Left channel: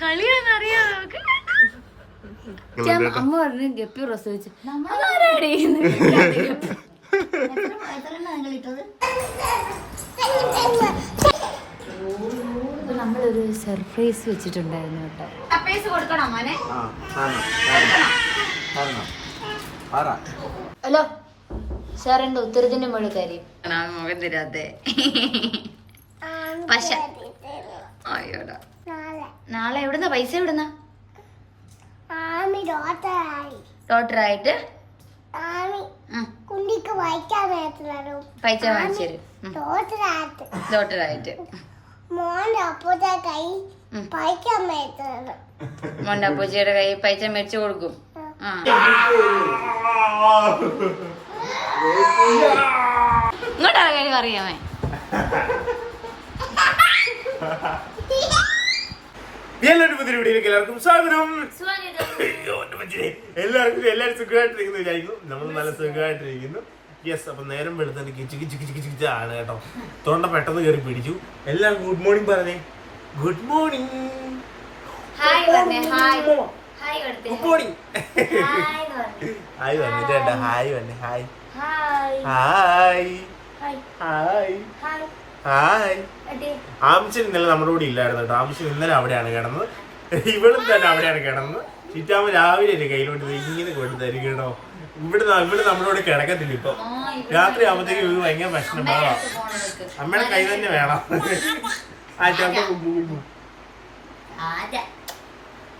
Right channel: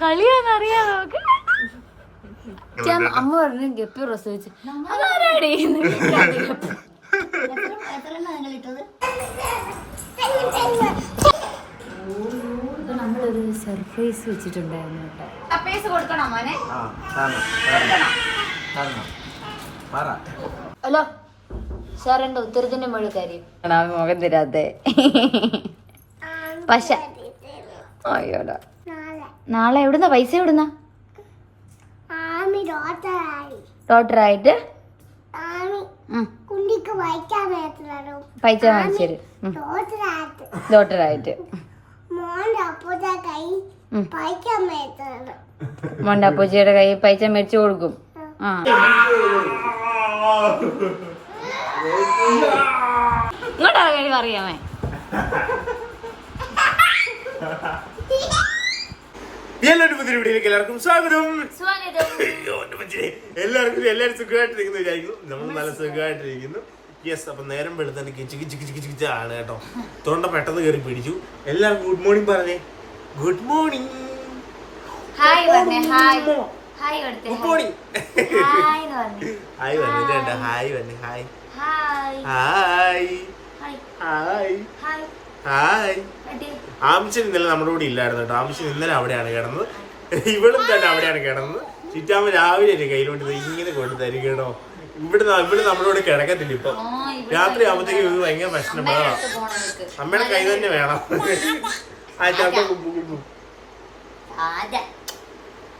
കളിയാന്നറിയാം നമുക്ക്. അമ്മ പറഞ്ഞു ഗപ്പി പ്രസവിച്ചു. നമ്മളൊരു സർപ്രൈസ് വെച്ചിട്ടുണ്ടായിരുന്നു കേട്ടോ. സർപ്രൈസ് കൊടുക്കണോ മോനെ? ഹലോ സാറിന്റെ ഉത്തരത്തിന്റെ മുകളിൽ കാര്യം മുഖം തരാതെ. പക്ഷെ നാളെ എവിടുന്ന പൈസ? എവിടുന്ന? ഡോക്ടറായിട്ട് പൈസ വാങ്ങിച്ചു. ഡോക്ടറായിട്ട് മോന്റെ അപ്പൂച്ചിയുടെ കൈ പൈസ മേടിച്ചു കൊടുക്കും. ആ ഇങ്ങോട്ടാ കാര്യം അറിയാമേ. എല്ലാവരും പുതിയ വീഡിയോയിലേക്ക് എല്ലാവർക്കും സ്വാഗതം. എല്ലാവരും സുഖമായിട്ടിരിക്കുന്നു വിചാരിക്കുന്നു. നമ്മൾ നല്ല സുഖമായിട്ടിരിക്കുന്നു. യെസ്, അപ്പൊ നേരം വെളുത്തന്നെ കിച്ച് കിച്ച് കിച്ച് കിച്ച് കിച്ച് ആണ് കേട്ടോ. തൊണ്ട പെട്ടെന്ന് കയറി പിടിച്ചു. എല്ലാവർക്കും ഗുഡ് മോർണിംഗ് പറഞ്ഞേ. Good morning. Good morning. Hi വന്നു ചേട്ടാ. ഹായ് വന്നെ. Hi hi hi hi. ആമിച്ചൻ ഇന്നലെ നമ്മുടെ കൂടെ ഇല്ലായിരുന്നു കേട്ടോ. ആമിച്ചൻ ഇന്നലെ അവിടെയാണ് കിടന്നത്. ഇവളും തന്നെ അവിടെയാണ് കിടന്നത്. ചിറ്റാമ്മ രാവിലെ കയ്യിലോട്ട് ഇങ്ങനെ കൊണ്ട് തരും കേട്ടോ. ഇവിടെ നമ്മുടെ കൂടെ കിടക്കത്തില്ല. ഇപ്പൊ രാത്രി ആകുമ്പോഴത്തേക്ക് ഭയങ്കര പ്രശ്നം വേണം. അമ്മയുടെ കൈ തന്നെ വേണം.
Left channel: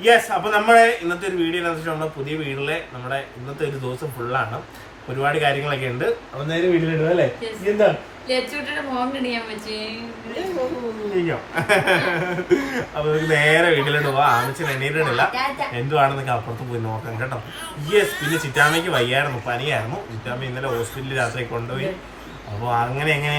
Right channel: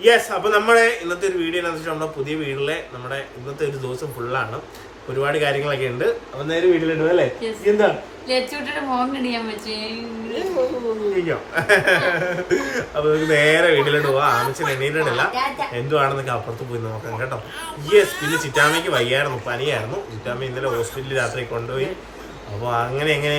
യെസ്, അപ്പൊ നമ്മുടെ ഇന്നത്തെ ഒരു വീഡിയോ എന്താണെന്ന് വെച്ചാൽ നമ്മുടെ പുതിയ വീട്ടിലെ നമ്മുടെ ഇന്നത്തെ ഒരു ദിവസം ഫുള്ളാണ്. ഒരുപാട് കാര്യങ്ങളൊക്കെ ഉണ്ട്. അപ്പൊ നേരെ വീട്ടിലിടും അല്ലേ? എന്താ അപ്പൊ നമുക്ക് നേരെ വീട്ടിലോട്ട് പോവാം. ആമിച്ചൻ എണീറ്റിട്ടില്ല. എന്തുവാണെന്നൊക്കെ അപ്പുറത്ത് പോയി നോക്കാം കേട്ടോ. യെസ്, പിന്നെ ചിറ്റാമ്മയ്ക്ക് വയ്യായിരുന്നു, പനിയായിരുന്നു. ചിറ്റാമ്മ ഇന്നലെ ഹോസ്പിറ്റലിൽ രാത്രി കൊണ്ടുപോയി. അപ്പൊ അങ്ങനെ എങ്ങനെ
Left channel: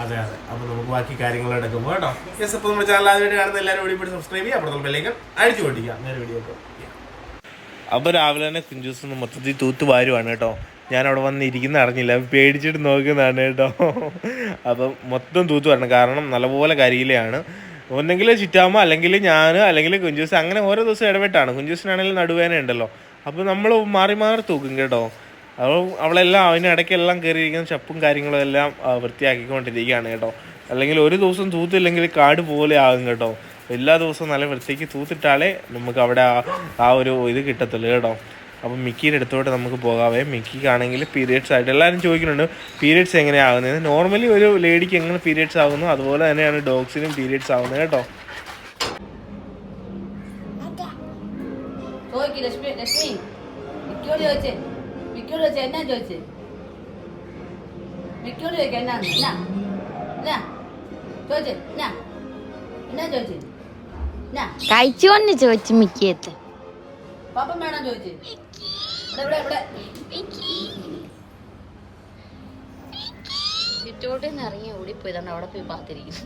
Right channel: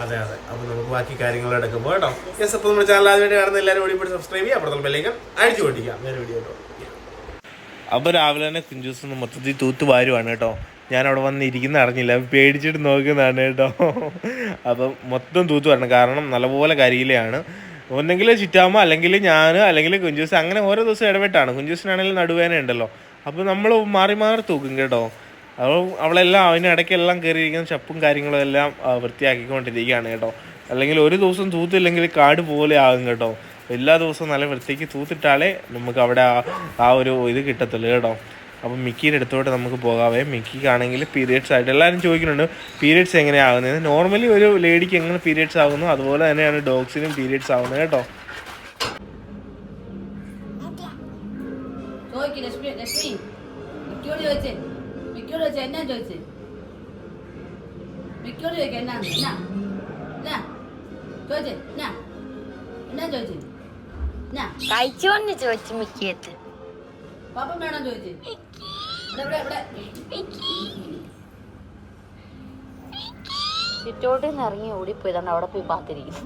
അതെ അതെ. അപ്പൊ നമുക്ക് ബാക്കി കാര്യങ്ങളോടെ പോകും കേട്ടോ. യെസ്, അപ്പൊ നമ്മുടെ ചാനൽ ആദ്യമായിട്ട് കാണുന്ന എല്ലാവരും വീഡിയോ സബ്സ്ക്രൈബ് ചെയ്യുക. അപ്പുറത്തുള്ള ബെല്ലൈക്കൺ അടിച്ചു പൊട്ടിക്കാം. നേരെ വീഡിയോ ആയിട്ട്. അപ്പൊ രാവിലെ തന്നെ കുഞ്ചൂസ് മൊത്തത്തിൽ തൂത്ത് വാരുവാണ് കേട്ടോ. ഞാൻ അവിടെ വന്നിരിക്കുന്ന അറിഞ്ഞില്ല, പേടിച്ചിട്ട് നോക്കുന്നതാണ് കേട്ടോ. അപ്പം മൊത്തം തൂത്ത് വരണം, കാരണം നല്ലപോലെ കരിയിലാണ്. ഒന്നെങ്കിൽ ചിറ്റാമ്മ, അല്ലെങ്കിൽ ഞാൻ, അല്ലെങ്കിൽ കുഞ്ചൂസ്, അങ്ങനെ ഓരോ ദിവസം ഇടപെട്ടാണ്. കുഞ്ചൂസിനാണെങ്കിലും നടുവേന ഉണ്ടല്ലോ. അപ്പോൾ നമ്മൾ മാറി മാറി തൂക്കും കേട്ടോ. അപ്പോൾ അവളെല്ലാം അതിനിടയ്ക്കെല്ലാം കയറിയിരിക്കുന്ന ചപ്പും കാര്യങ്ങളും എല്ലാം വൃത്തിയാക്കിക്കൊണ്ടിരിക്കുകയാണ് കേട്ടോ. അല്ലെങ്കിൽ ഒരു ദിവസം തൂത്തില്ലെങ്കിൽ കാട് പോലെ ആകും കേട്ടോ. എല്ലാ ദിവസവും നല്ല വൃത്തിക്ക് തൂത്തിട്ടാലേ നമുക്ക് അവിടെ ആ ഒരു ഇത് കിട്ടത്തുള്ളൂ കേട്ടോ. അപ്പം മിക്കിയുടെ അടുത്തോട്ട് നമുക്ക് പോകാവേ. മിക്കിക്കാണെങ്കിൽ പീരിയഡ്സ് ആയിട്ട് എല്ലാവരും ചോദിക്കുന്നുണ്ട് പീരിയഡ്സ് എങ്ങനെയാണ് ആകുന്നത്. നോർമലി ഒരു ലേഡിക്ക് എങ്ങനെ പീരിയഡ്സ് ആകുന്നു അതുപോലെ തന്നെയാണ് ഡോഗ്സിനും പീരിയഡ്സ് ആകുന്നത് കേട്ടോ. കഴിച്ചോണ്ട് ചോദിച്ചു മിക്കിയത്ത്. ചുറ്റോട്ടിന്ന് ഇറങ്ങി ഓടിപ്പോയതാണ്. അവിടെ പോയി പാത്തിരിക്കുന്നു.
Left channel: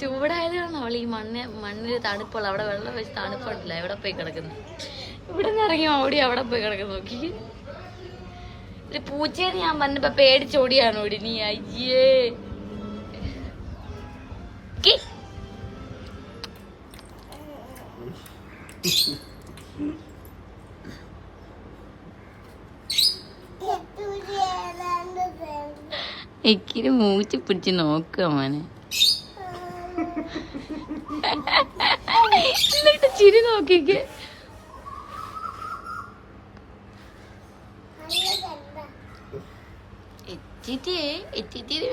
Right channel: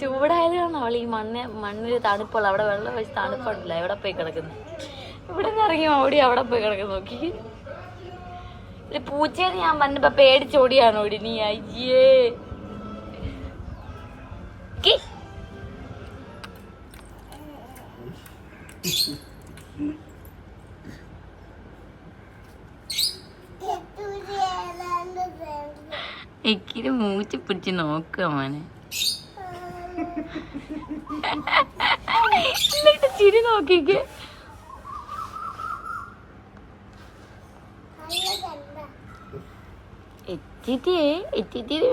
ചൂടായത് കാരണം അവൾ ഈ മണ്ണിൽ തണുപ്പുള്ള അവിടെ വെള്ളം വെച്ച് തണുപ്പുണ്ടല്ല, എവിടെ പോയി കിടക്കുന്നു. ഇവിടെ നിന്ന് ഇറങ്ങി ഓടി അവിടെ പോയി കിടക്കുന്നു. നോക്കി പൂച്ചയാണ് ഞാൻ പറഞ്ഞപ്പോ പേടിച്ചോടിയാണ് ഓടി. നീ അയ്യേ എനിക്കിന് മൂച്ച് പിടിച്ച് നോക്കുക മോനെ. എന്നിട്ട് ചിരി നോക്കിക്ക്.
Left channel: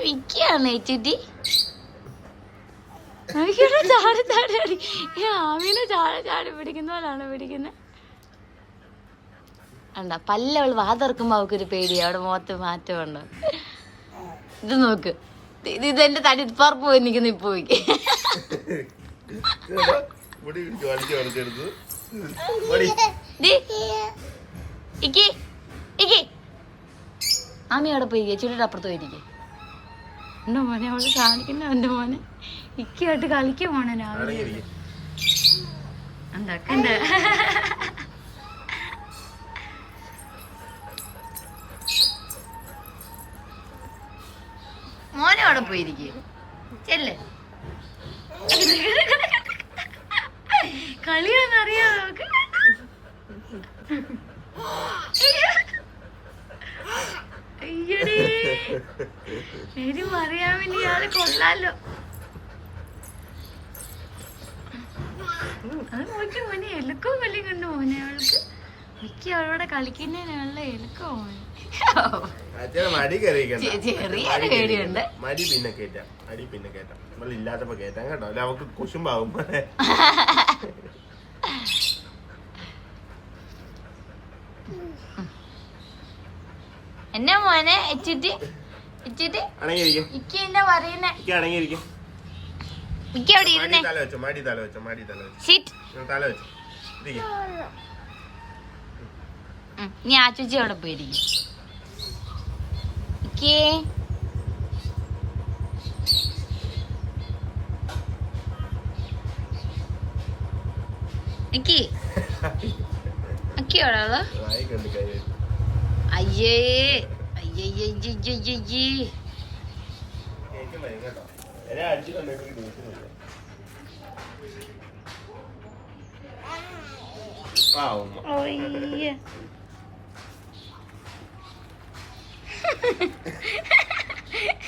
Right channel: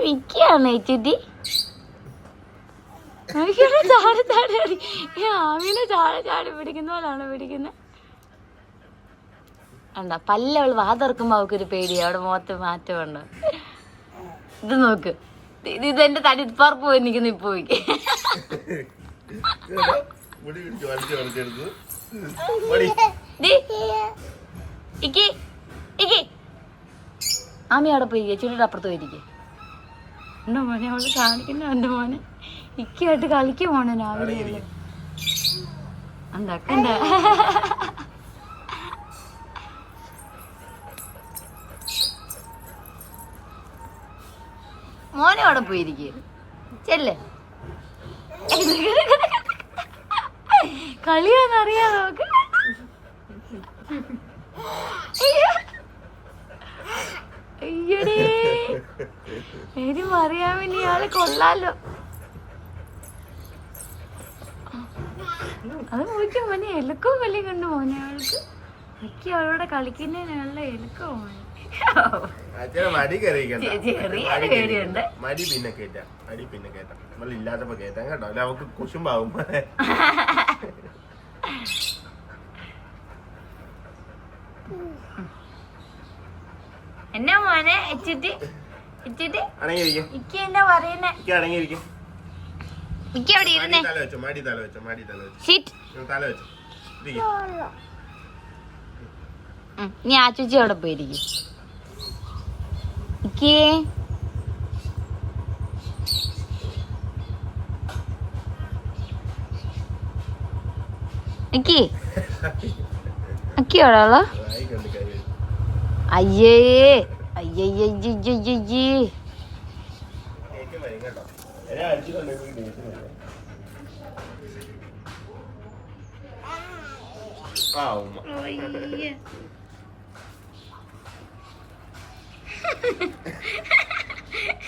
മിക്കാണ് എച്ചിട്ടി. ചാടി ചാടി അടി. ആമീനെ ചാടി ചാടി പിടിക്കുന്ന പോലാണ് പിടിക്കുന്നത്. കണ്ട പല്ല അവള് വാതിറക്കുമ്പോ അവക്കൊരു പേടിയാ. അവിടെ മുഖത്ത് മാറ്റമുണ്ട്. ഇത് നോക്ക്, ഇതെന്റെ തടിപ്പറപ്പ് പോയി നിൽക്കുന്നു. ഇപ്പൊ ആമി അവിടെ പോയി ചുറ്റിയുടെ അപ്പുറത്ത് പോയിരിക്കേ. എന്റെ മോനെ അവള് കാണിക്കുന്ന എന്റെ മോനെ ഇക്കായിട്ട് കളിക്കും മോനെ രാവിലെ എന്താക്കണ്ട മോനെ അവിടെ പോയിരിക്കും ചെല്ലേ കളിയാന്നറിയാം നമുക്ക് അയ്യടേ അറിയാൻ വേണ്ടി ഇയാള് കൊള്ളാലോ അത് നോക്കി മോനെ എലുക്കോ കളി കണ്ടു മോനെ അവൾക്ക് മിക്ക അവളോടെ കളിക്കുന്നതിനുള്ള എലുക്കോ മോനെ ചെറിയ പേടിയുണ്ട് മടി പിന്നെ കേറ്റാം അടി പിന്നെ കേറ്റാം നമ്മൾ ഇല്ലാത്തപ്പോ കേറ്റാം കേട്ടോ അല്ല അവക്ക് കുശുമ്പാവും എന്നാ മോനെ ഇച്ചിട്ട് ഇക്ക എന്നാ പറയുന്നേ ഇക്ക അവിടെ ഇരുന്നേ നീ ആ ചേച്ചി അവിടെ പോയിരിക്കും ഇക്കേ ഇക്കി ഇക്കി എവിടെയുള്ള അയ്യേ അയ്യയ്യയ്യയ്യയ്യേ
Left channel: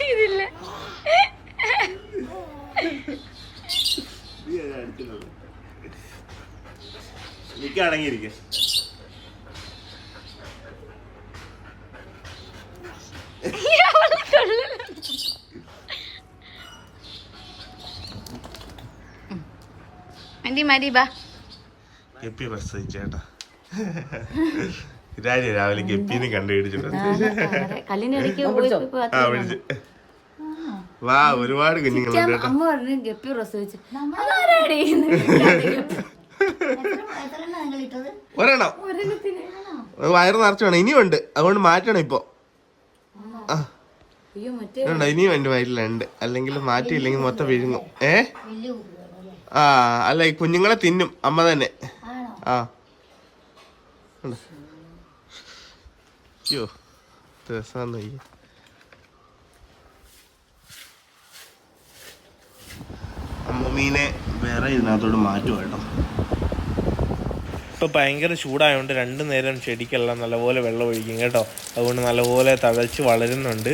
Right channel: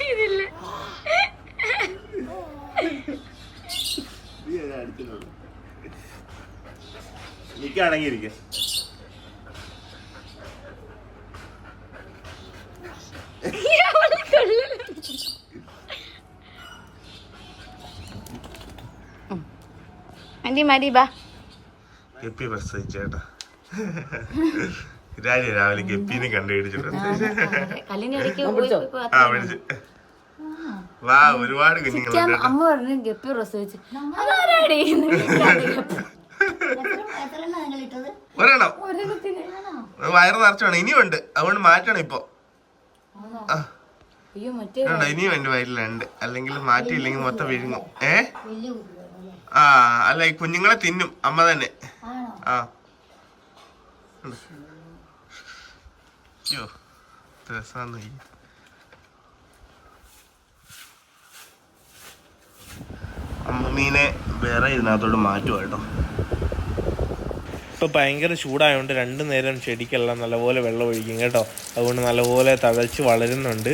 ഇതില്ല എനിക്ക് അടങ്ങിയിരിക്കും മതി ബാ ഗപ്പി പ്രസവിച്ചേട്ടാ രാവിലെ ഗപ്പിന്ന് കണ്ടുപിടിച്ചിട്ടുണ്ട് ആ വിളിച്ച് വാ ഒരുപാട് കുഞ്ഞുങ്ങളുണ്ട് അമ്മ പറഞ്ഞു ഗപ്പി പ്രസവിച്ചു ഒരെണ്ണം വയറ് നിറച്ചു വേണം ഇനിയുണ്ട് അതുകൊണ്ട് മാറ്റണം ഇപ്പൊ ഇനിയും എന്റെ വയറ്റിലുണ്ട് അല്ലെങ്കിൽ മാറ്റിയില്ലെങ്കിൽ മൊത്തം വിഴുങ്ങും ആ അല്ല ഈ കുഞ്ഞുങ്ങളെ തിന്നും അമ്മ തന്നെ ആ അയ്യോ രസാന്ന് അമ്മമ്മീനെ വേറെ ഇതിനകത്തോട് മാറ്റുക കേട്ടോ ഇപ്പോൾ ഭയങ്കര ചൂടായതുകൊണ്ട് 2 നേരം ചെടിക്കെല്ലാം നല്ലപോലെ വെള്ളം ഒഴിക്കും കേട്ടോ അതുകൊണ്ട് നല്ലപോലെ തഴച്ച് വളരുന്നുണ്ട്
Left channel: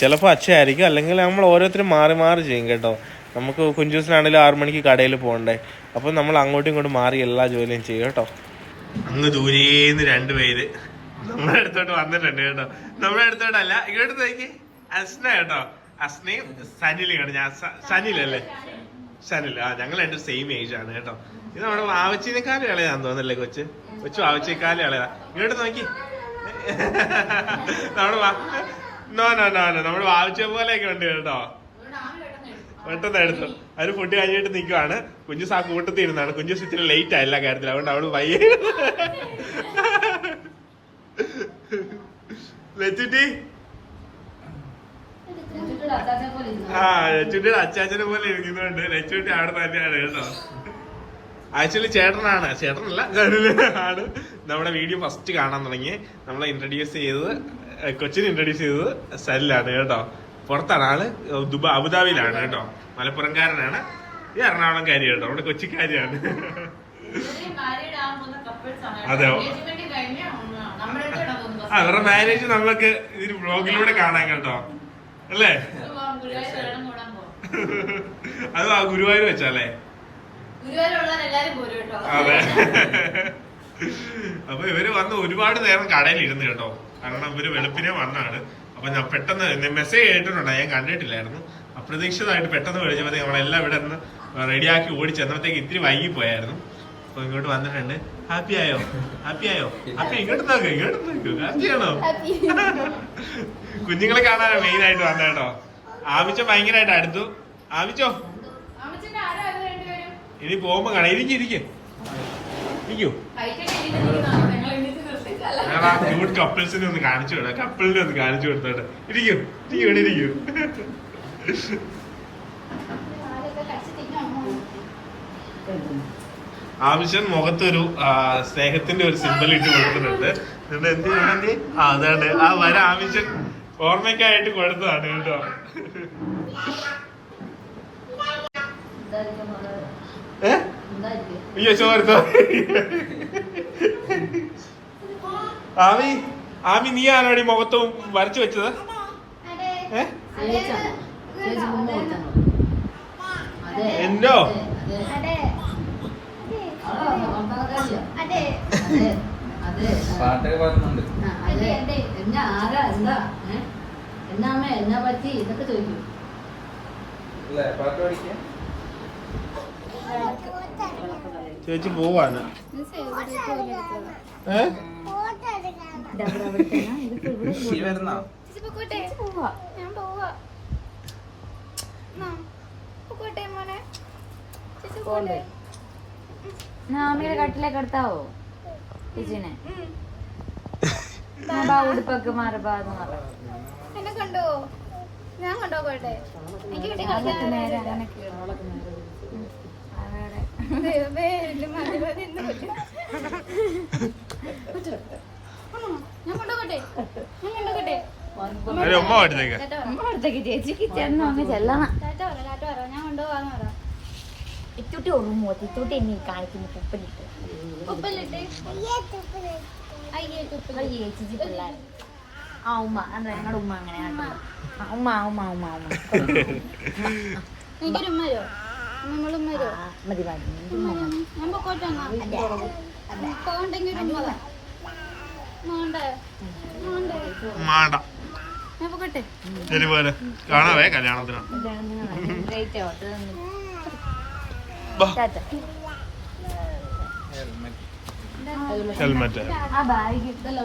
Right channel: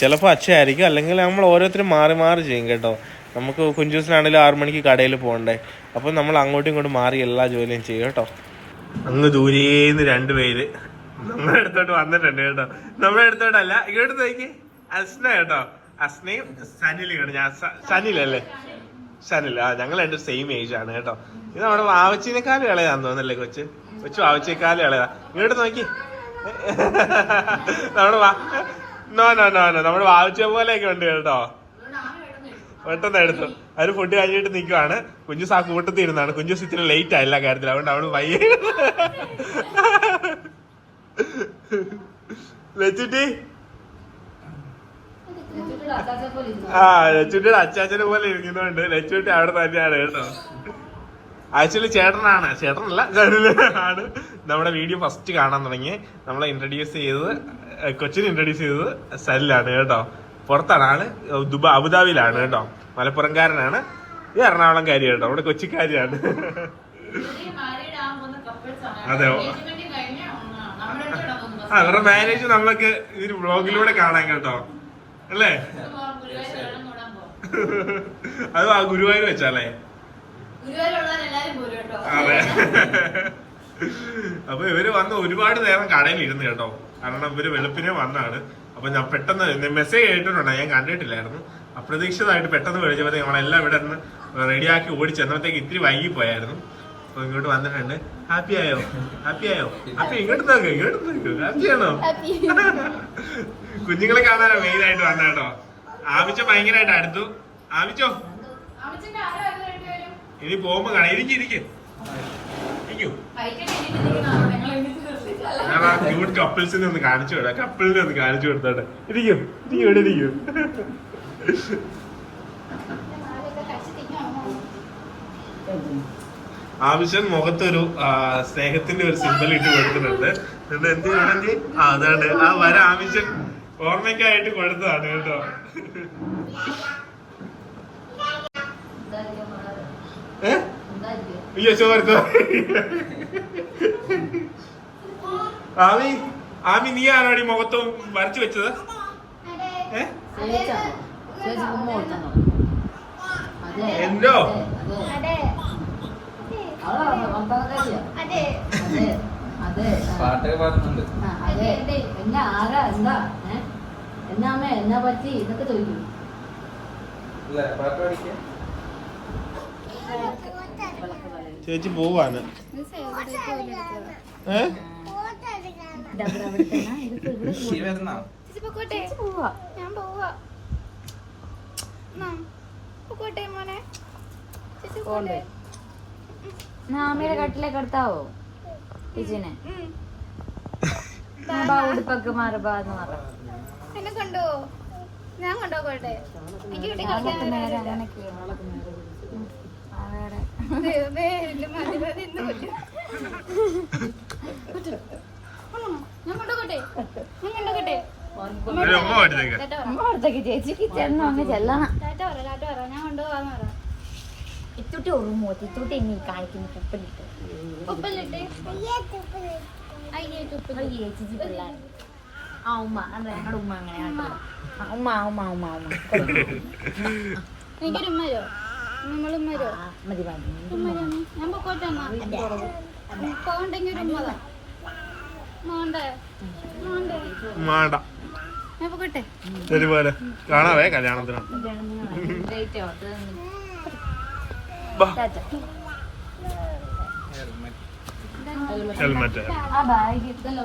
ചിലപ്പോൾ അച്ഛയായിരിക്കും അല്ലെങ്കിൽ നമ്മൾ ഓരോരുത്തരും മാറി മാറി ചെയ്യും കേട്ടോ നമുക്ക് കുഞ്ചൂസിനാണെങ്കിലും 6 മണിക്ക് കടയിൽ പോകണ്ടേ അപ്പം നമ്മൾ അങ്ങോട്ടും ഇങ്ങോട്ടും മാറി എല്ലാ ജോലിയും ചെയ്യും കേട്ടോ അങ്ങ് ദൂരേന്ന് 2 പേര് നമ്മുടെ അടുത്തോട്ട് വന്നിട്ടുണ്ട് കേട്ടോ നമ്മുടെ അടുത്തോട്ടല്ല ഇങ്ങോട്ട് നോക്കി അസ്ന കേട്ടോ അസ്നയും സനിലും കേട്ടോ ഞാൻ സനിലല്ലേ സനിൽ ഞങ്ങൾ 2 സെയിം ഏജ് ആണ് കേട്ടോ ഇത് നമ്മുടെ വാവച്ചിനേക്കാളും ഇളയാന്ന് തോന്നല്ലേ കൊച്ചു വാവച്ചേക്കാളും ഇളയാ ഇങ്ങോട്ട് നോക്കി നമ്മുടെ നമ്മുടെ വാവച്ച പോലെയൊക്കെ ഉണ്ട് കേട്ടോ പെട്ടെന്ന് എടുത്തു അവര് ഫുഡ് കഴിഞ്ഞിട്ട് നിൽക്കുവാണ് കുഞ്ഞുസ് ആ കൂട്ടത്തിൽ ഇരുന്നാണ് കുഞ്ഞുസ് ഇത്തിരി ലേറ്റ് ആയില്ല കാര്യത്തിൽ അതുകൊണ്ട് അവള് വയ്യ ലച്ചുട്ടി ആ ലച്ചുട്ടിയുടെ അച്ചാച്ചനെ പോലെ ഇരിക്കുന്നുണ്ട് ലച്ചുട്ടി അവിടെ തന്നെയാണ് കേട്ടോ ആക്ച്വലി ചേട്ടനല്ല ആണ് നമ്മുടെ വീഡിയോ ഫസ്റ്റ് കാണാൻ തുടങ്ങി നമ്മളെ ഇൻട്രൊഡ്യൂസ് ചെയ്തത് കൊച്ചിനെ ഇൻട്രൊഡ്യൂസ് ചെയ്തത് സല്ലാണ് കേട്ടോ പുറത്താണ് ആള് അബുദാബിയിലാണ് കേട്ടോ മലപ്പുറംകാരനാണ് ഈ എറണാകുളംകാരി കേട്ടോ അവിടെ കൊച്ചിക്കാരിയാണ് അതെ അവരുടെ മാരേജ് നമുക്ക് ഇതിന് വ്ളോഗിലൂടെ കാണാൻ കേട്ടോ അല്ലേ അത് ആ ഗുരുവായൂർ വെച്ചാലേ അതെ അപ്പൊ ഇവര് വന്ന് ഒരുപാട് നേരം കടയിൽ ഇരുന്ന് കേട്ടോ കാരണം ഇവര് വെളുപ്പിനെ വന്നാണ് അപ്പൊ ഞാൻ പെട്ടെന്ന് മെസ്സേജ് കേട്ടിട്ടുണ്ടോ ഞാൻ കണ്ടിട്ടില്ലായിരുന്നു അപ്രതീക്ഷിതമായിട്ട് പെട്ടെന്ന് വിളിച്ചപ്പോഴത്തേക്ക് നമ്മളെല്ലാം ഇവിടെ നിന്ന് റെഡിയാക്കി ഓടി ചെന്നപ്പോഴത്തേക്ക് ഇത്തിരി വൈകി പോയായിരുന്നു അപ്പൊ ഇങ്ങോട്ട് വന്നിട്ടുണ്ട് ഹാപ്പി ആയോ ഹാപ്പി ഇങ്ങോട്ട് നോക്ക് ഹാപ്പിയാണോ കുഞ്ഞുങ്ങളെ കാണാനോ മെയിൻ ആയിട്ട് വന്ന കേട്ടോ ആമിച്ച ഭയങ്കരമായിട്ട് അടുത്തു ആമിച്ചോ ഇനി പോകുമ്പോ കാണാം ഇരിക്കൂ ഞാൻ ആ ക്യൂട്ട് കപ്പിൾസിനെ ഒന്ന് കാണിച്ചു വിടാം കപ്പിളിനെ ഒന്ന് കാണിച്ചു കൊടുത്തോട്ടെ ഇരിക്കൂ ഇവിടെ ഇരിക്കൂ ആവശ്യം മുഖത്തൊരു സ്നേഹത്തിന്റെ ഒരു സിമ്പൽ ഇട്ട് കൊടുക്കുന്നുണ്ട്. എന്ത് ഇവിടെ അതാണ് ആ വര ആവശ്യം ഓർമ്മയ്ക്കായിട്ട് കൊടുത്തതാണ് കേട്ടോ. അയ്യോ ചോർത്തോ. ആമി നീ ആണോടി മുഖത്തും വരച്ചു വെച്ചത്? എന്തോ പാട്ടൊക്കെ പാടുന്നുണ്ട്. എന്നാ പറ്റി ഇതൊക്കെ ചോദിക്കും. പാട്ട് പഠിക്കാൻ ചേച്ചി പോവാണ്. ആമിയുടെ കട്ടിലേക്ക് എടുത്താവോ ചേച്ചിനെ? ഉടുപ്പൊക്കെ മാറബാന്ന് പറ. എന്നെ കൊണ്ടോ? ഞാൻ കൊണ്ടോട്ടെ? ചേച്ചിക്ക് ചെന്നോ അങ്ങ് ചെല്ലണം. ഞാൻ കൊണ്ടുപോവാന്ന് പറ. ഇത്തോട്ട് ഓർമ്മ ഇത്തോട്ട് എന്നെ കാണിക്കുന്നു തുപ്പലിട്ട് ചേച്ചി പിള്ളേർ. ആ ഉമ്മ ഞങ്ങളുടെ ഉമ്മ അങ്ങനെയാണല്ലോ. ഉമ്മ ഉമ്മ ഉമ്മ ഉമ്മ എനിക്കൊരു ഉമ്മരോ? നമ്മളുമ്മരോ? മതി മതി. ഞാൻ പൊക്കോട്ടെ. പോകണ്ടെങ്കിൽ ഒരു ഉമ്മതാ. മോണ്ടേ മോണ്ടേ മാണ്ട ഞാൻ പൊക്കോട്ടെ. ശരി പോലെ കാണാവേ കല്യാണത്തിനാണ്. ഹെൽമെറ്റ് ആ ബാഗ് ഇട്ടല്ലോ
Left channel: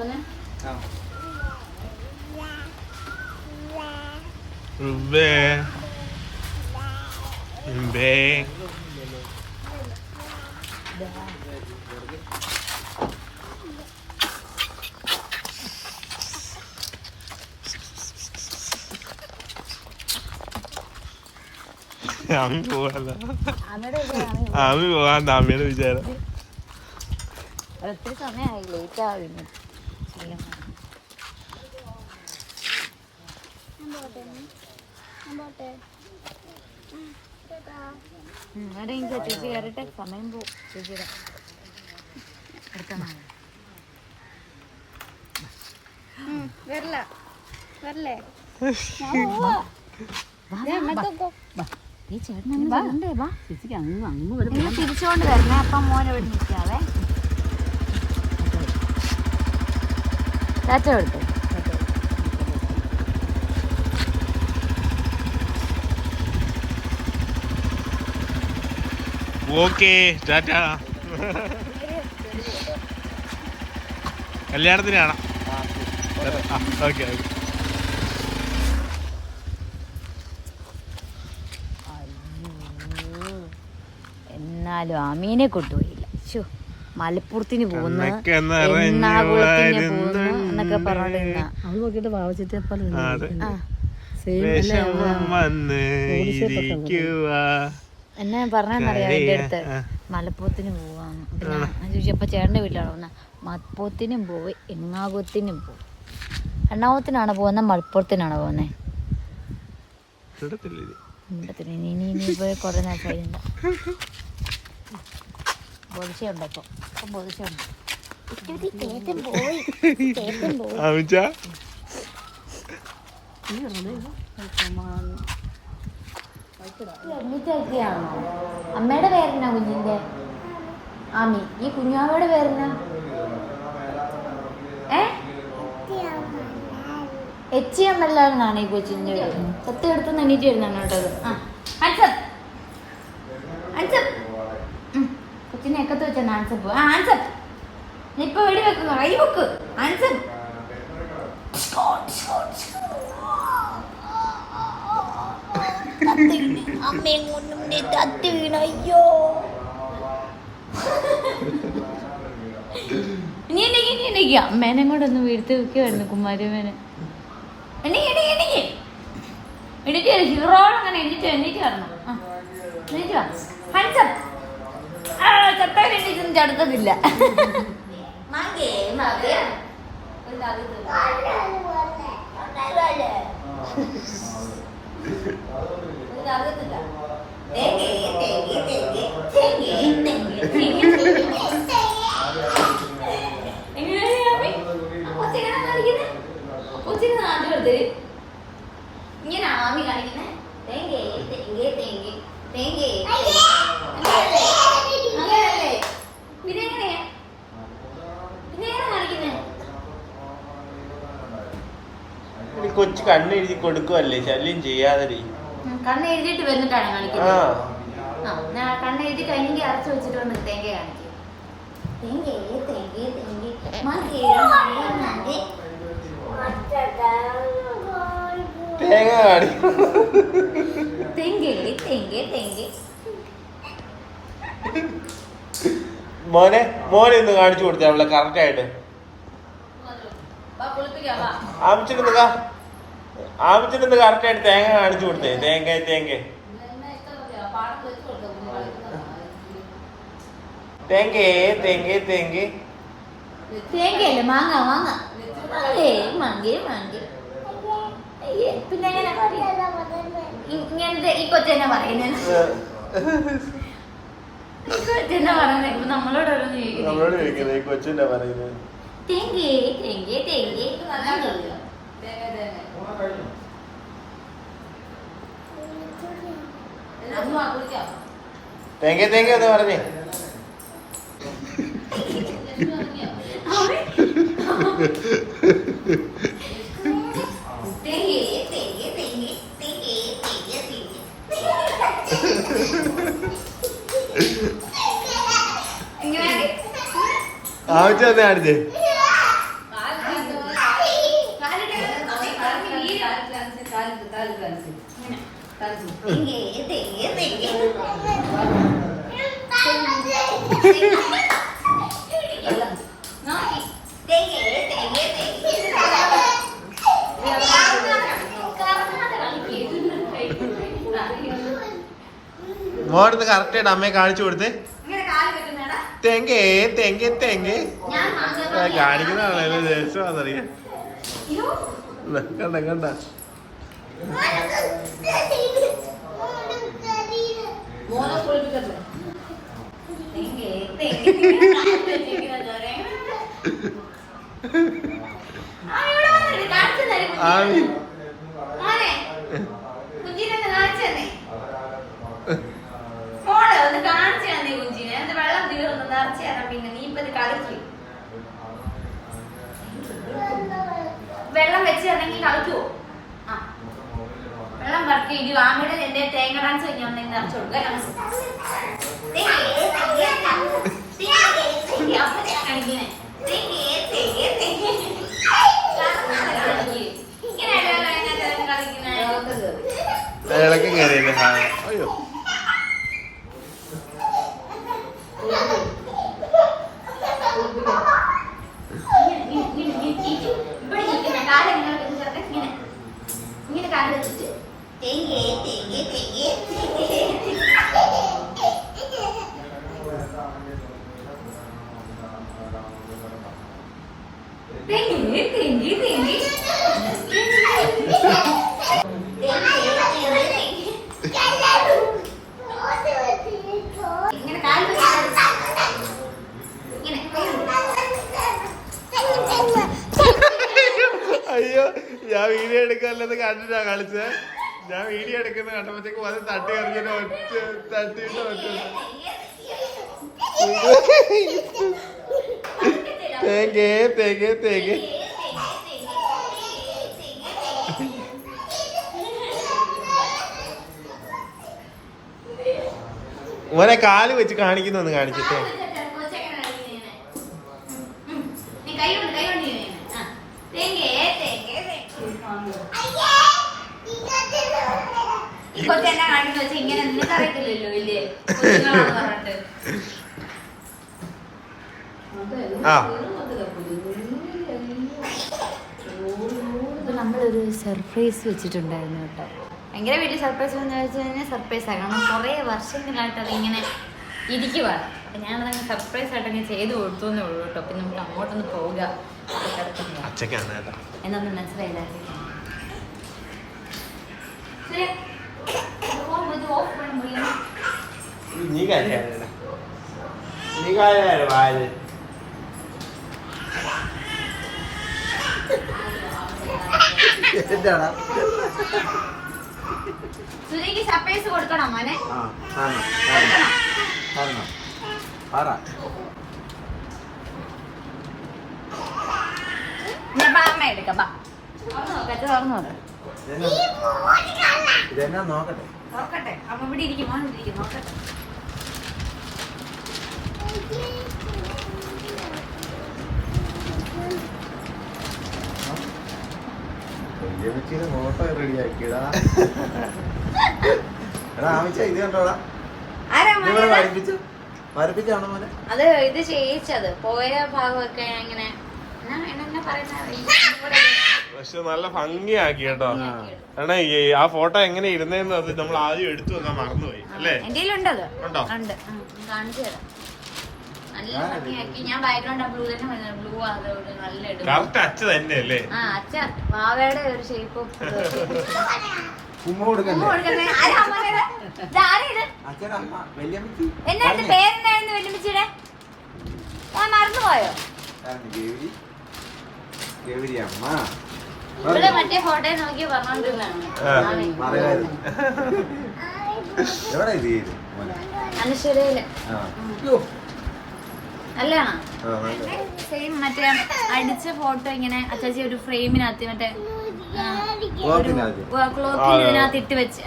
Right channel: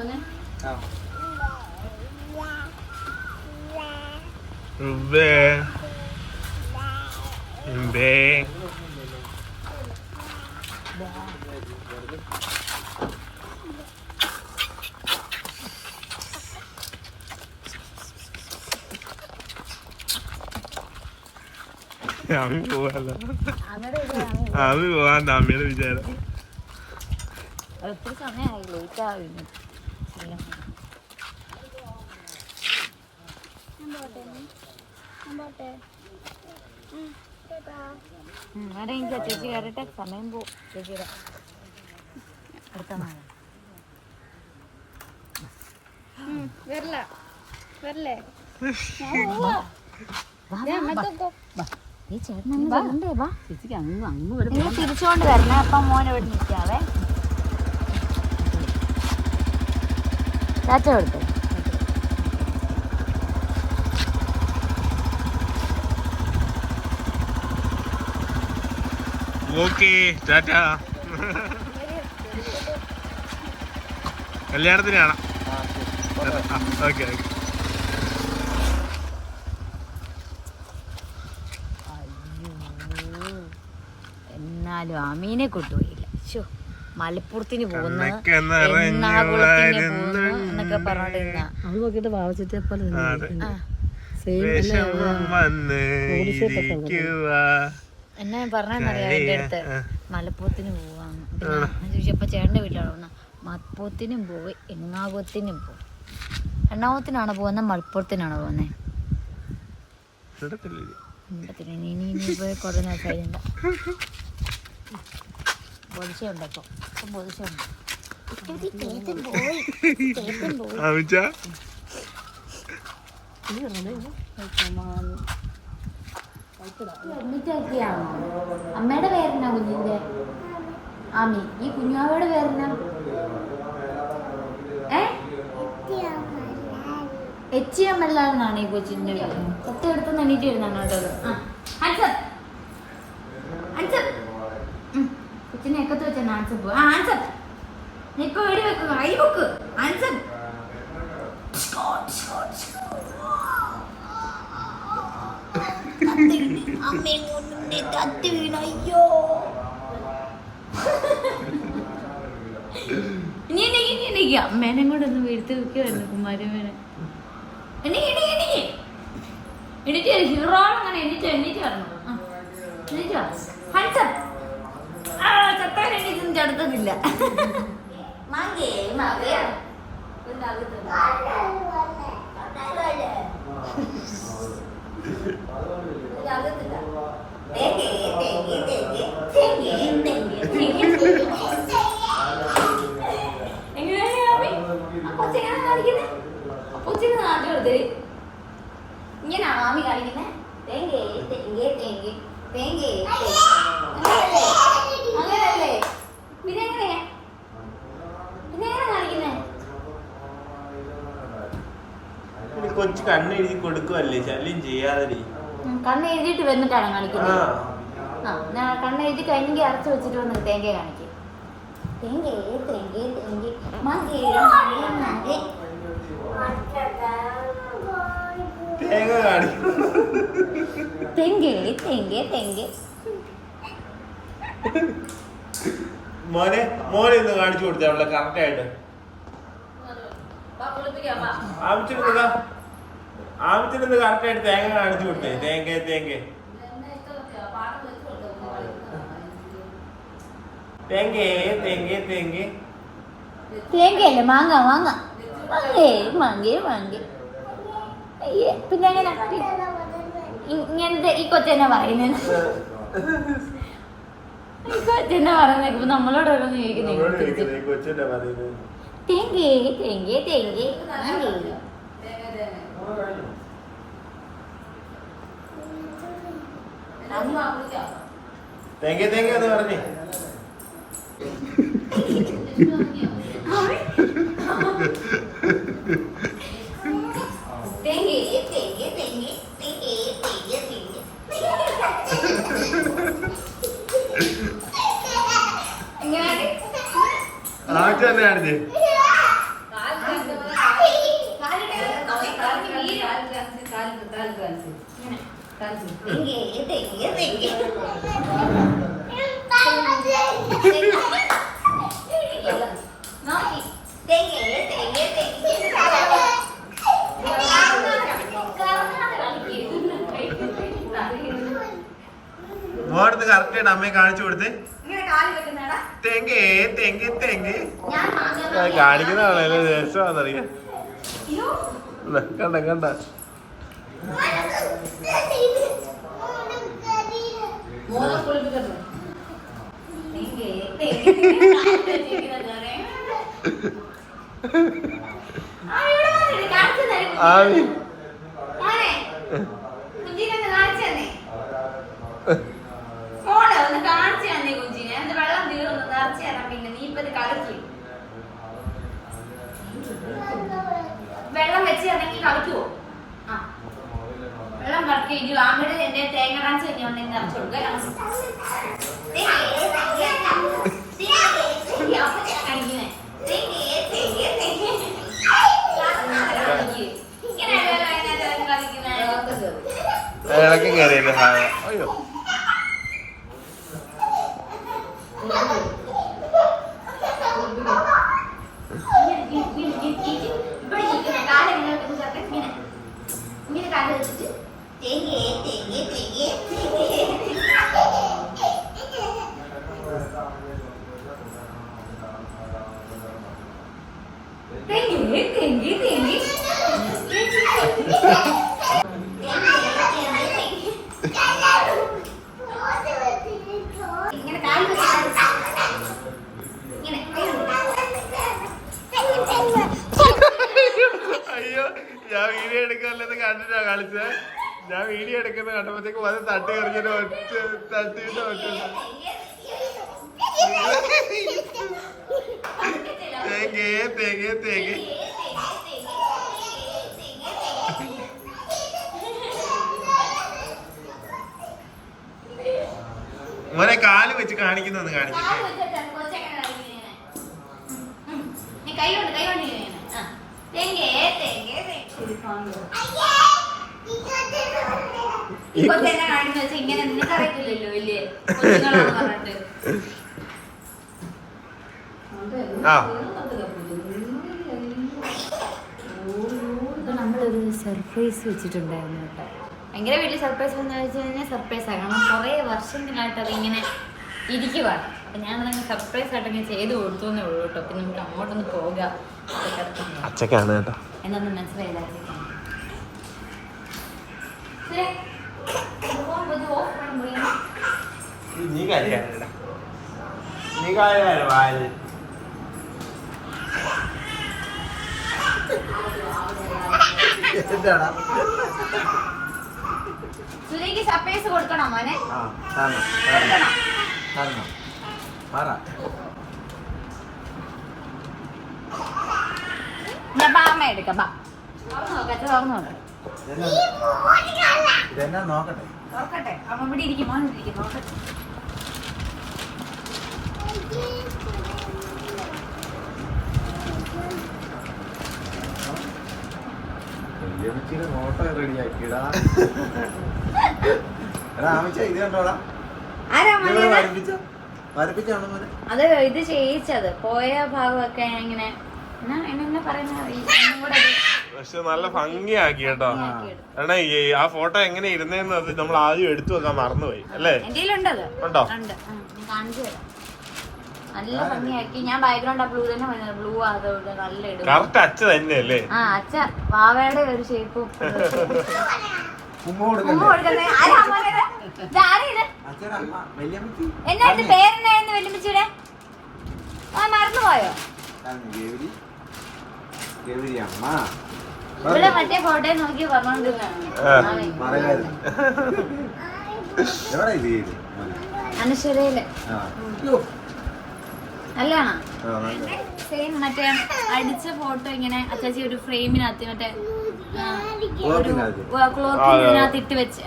ആമി പോവാല്ല. ആമി പോവാൻ അമ്മയുടെ വിചാരം. ഒത്തിരി സമയമായി ലേറ്റ് ആവുന്നു. ചേച്ചി കയറിട്ടെ സമയം പോവും. ചേച്ചിയുടെ അടുത്ത നാളെ വരില്ല വരില്ലേ? തിരിച്ചുകൊണ്ട് വരണേ. അപ്പം മോനെ ഇവിടെ നിൽക്കാവേ. ടാറ്റ കൊടുത്തു. ഓക്കെ ടാറ്റ. കല്യാണത്തിന് കാണാം. Okay okay. എന്നാലും അമീനെ കൊണ്ടുപോയില്ല. മലപ്പുറത്തിന് എന്നൊക്കെ നോക്കിട്ട് വാവച്ചിട്ട് എന്നെ പറഞ്ഞാൽ മലപ്പുറത്തിന് പോവാന്ന് ചോദിച്ചപ്പോ ചേട്ടന്റെ വീട്ടിലാണ് വന്ന. മലപ്പുറത്തിനും പോയി എങ്ങാകുത്തിനും പോയി. എണ്ണാകുത്തിനാണ് പോകുന്നത് മലപ്പുറത്തിനാണ് പോകുന്നത്. ഇനി പോയി കുറെ നേരം ബോധിച്ചുണ്ടപ്പോ ബോധിച്ചുണ്ട്. എന്നിട്ടൊക്കെയാണോ? അമ്മയുടെ പേരെന്നാ കുഞ്ഞിന്റെ? ആമി. ഈ കുഞ്ഞാവയുടെ പേരെന്നാ? എച്ചിയമ്മല്ലാന്നാണ് ഈ കൊച്ചിന്റെ പേര്. സത്യം എടുത്ത് എണീറ്റ് വരുന്നാണ് കേട്ടത്. കൊച്ചിനെ എക്കത്ത് വെച്ച ആൻസപ്പ്. ആൻസപ്പ് നീ ഇപ്പൊ വെടി വെക്കുന്നു. കൈ വെക്ക്. ആൻസപ്പ് അയ്യോ നീ എണീക്ക്. അമ്മേനെ കൂടെ ഒന്ന് വീഴ്ത്തി വെക്കുവായിരുന്നു കുമാരമ്മേനെ. എണീറ്റ് ഹീറോ അങ്ങനെ എണീറ്റ് വരണം. ചത്താൻ എണീറ്റൊന്നും ചടുത്തതില്ല. മാങ്ങേ മാങ്ങേ ഇങ്ങനെ ആമി കാണിക്കുന്നേ തേങ്ങേ തേങ്ങേ തേങ്ങേ തേങ്ങേ അങ്ങനല്ലേ ഇതെങ്ങനെയാ ഇതെങ്ങനെ കാണിക്കുന്നേ? കൊച്ചു കണ്ണെഴുതി കൊടുക്കുവല്ലേ, ശല്യം ചെയ്യാതെ. കണ്ണ് എഴുതിയിട്ട് വന്നിട്ടാണ് കാണിക്കുന്നത്. കണ്ണെഴുതി കഴിഞ്ഞെങ്കിൽ അടച്ചു വെച്ചിട്ട് വന്നിട്ട് തേങ്ങ കാണിക്കും. തേങ്ങേ തേങ്ങേ തേങ്ങേ മാങ്ങേ മാങ്ങേ മാങ്ങേ തേങ്ങ കാണിക്കും. തെങ്ങേ തെങ്ങേ തെങ്ങേ. മോനെ ഒന്ന് കാണിച്ചു കൊടുത്തേ അവളെ കറക്റ്റ് ആയിട്ട്. ആമിച്ചിരുന്ന് കറക്റ്റ് ആയിട്ട് തേങ്ങ കാണിച്ചു കൊടുത്തേ. തേങ്ങ തേങ്ങ തേങ്ങേ തേങ്ങേ തേങ്ങേ തേങ്ങയല്ലേ മാങ്ങ മാങ്ങ മാങ്ങേ മാങ്ങേ മാങ്ങേ. പിന്നെ എങ്ങനെ ഇങ്ങനത്തെ ഈ കൊച്ചെന്നെ പറയുന്നത്? ഈ കൊച്ചെന്നെ പറയുന്നത് നമ്മളോട് കൊച്ചിന്റെ പറയുന്നത് തേങ്ങേ തേങ്ങേ തേങ്ങേ തേങ്ങ തേങ്ങ അത് പറഞ്ഞേ. ആവശ്യം കാണിച്ചേ. മോടുത്ത് കറക്റ്റ് ആയിട്ട് അമ്മയെ കാണിച്ചു കൊടുത്തേ. തെങ്ങേ തെങ്ങേ തെങ്ങേ കാണിക്കുന്നതാണോ രസമാണെന്നറിയാം. കണ്ട കണ്ട ആമി വെള്ളം വെച്ച് തന്നെങ്കിൽ കളിക്കുവോ? വെള്ളം കറക്കി ഇരിക്കും. ആമിയുടെ എന്റെ തേങ്ങ ഡാൻസ് കഴിഞ്ഞാൽ നിറച്ചു കൊടുക്കുക. ഇളക്കം കയറിയല്ലേ. അയ്യോ ഇങ്ങനെ കാല് വെച്ചിട്ട് തേങ്ങേ തേങ്ങേ തേങ്ങേ തേങ്ങേ തേങ്ങേ തേങ്ങേ ഇങ്ങനെ കാല് വെച്ചിട്ട് ഇങ്ങനെ അയ്യോ ഞാൻ വീഡിയോ എടുക്കാനത് കണ്ടിട്ടാ കളിച്ചേ. ഞാൻ വീഡിയോ എടുക്കുന്ന കണ്ടപ്പോഴത്തേക്കും അത് തട്ടി എറിഞ്ഞിട്ട് ഒറ്റ തട്ടിയിട്ട് ഒറ്റ തേങ്ങേ തേങ്ങേ തേങ്ങേ. മോനെ കാല് വെച്ച് കാണിക്കുന്നൊന്ന് കാണിച്ചിട്ട്. ഇങ്ങനെ നിനക്ക് അറിയത്തില്ലല്ലോ വലിയ ഇപ്പൊ നമ്മളൊരു സർപ്രൈസ് വെച്ചിട്ടുണ്ടായിരുന്നു കേട്ടോ. ഭയങ്കര വലിയ സർപ്രൈസ് എന്ന് വെച്ച് കഴിഞ്ഞാൽ സർപ്രൈസ് ആണ്. കാരണം കുറേ വർഷങ്ങളായിട്ട് അതിങ്ങനെ ഇരിക്കുവാണ്. അപ്പം ഞാനതങ്ങ് സർപ്രൈസ് ആയിട്ട് അങ്ങനെ ചെയ്ത് കൊടുത്തു എന്നേ ഉള്ളൂ കേട്ടോ. പിന്നെ നമുക്ക് അങ്ങോട്ടൊന്ന് പോവുക അച്ഛക്കാണ് കേട്ടോ. എന്നൊന്നും മനസ്സിലായില്ല. നീ കാര്യം വാല് എന്താടാ സുരയ്ക്ക് സർപ്രൈസ് കൊടുക്കണോ മോനെ? അമ്മ എടുക്കാം. ഇതെന്നാ നോക്കട്ടെ. നോക്കട്ടെ. അമ്മ ഇവിടെ ഇരിക്കും. മോൻ ഇരിക്കും. നോക്കട്ടെ. ഫോട്ടോ റെഡിയാക്കിയടാ. ആമിച്ച ഇത് കണ്ടോടാ. വരപ്പിച്ചാണോ മോനെ? അത് ഇത് ചെയ്യിച്ചത് പോയ ഭാഗമൊക്കെ ഇങ്ങനെ എന്നെ പറയുന്ന പക്ഷെ നല്ല ഭംഗിയാക്കി കേട്ടോ. കാരണം ആ ഫോട്ടോ എങ്ങനെ ഇരുന്നേന്ന് നമ്മൾ ആദ്യം എടുത്തു വെക്കാൻ മറന്നുപോയി അല്ലേ? എന്റെ ഉണ്ടത് ഉണ്ടോ? ഉണ്ട്. കാണിച്ചു തരാം. നല്ല ഭംഗിയാക്കി. ഞാൻ ബാക്ക്ഗ്രൗണ്ട് ബ്ലൂ തന്നെ ബ്ലൂ അതോടെ നല്ല ഇടും. കറക്റ്റ് അച്ഛ തന്നെയല്ലേ? ആ അച്ഛ പാവയുടെ ഒരു ഷേപ്പും ഉമ്മ കൊടുക്കണ്ടേ? എന്നാ പേരെന്നായിരുന്നു വെല്ലുമിച്ചിയുടെ? ആ മറന്നുപോയോ? അമ്മ ഇവിടെ മറ്റേ ഫോട്ടോ നോക്കി പറഞ്ഞോണ്ടിരുന്നാണ്. എവിടെ ഇത് അനുശ്വരയില് നല്ലതാണോ? സെയിം മറ്റേ അടിച്ച ഫോട്ടോ ഇങ്ങനെ അച്ചാച്ചി ഒരു ഫ്രെയിമിനകത്ത് മറ്റേ ക്ലോത്തിനകത്ത് ഇട്ട് വെച്ച്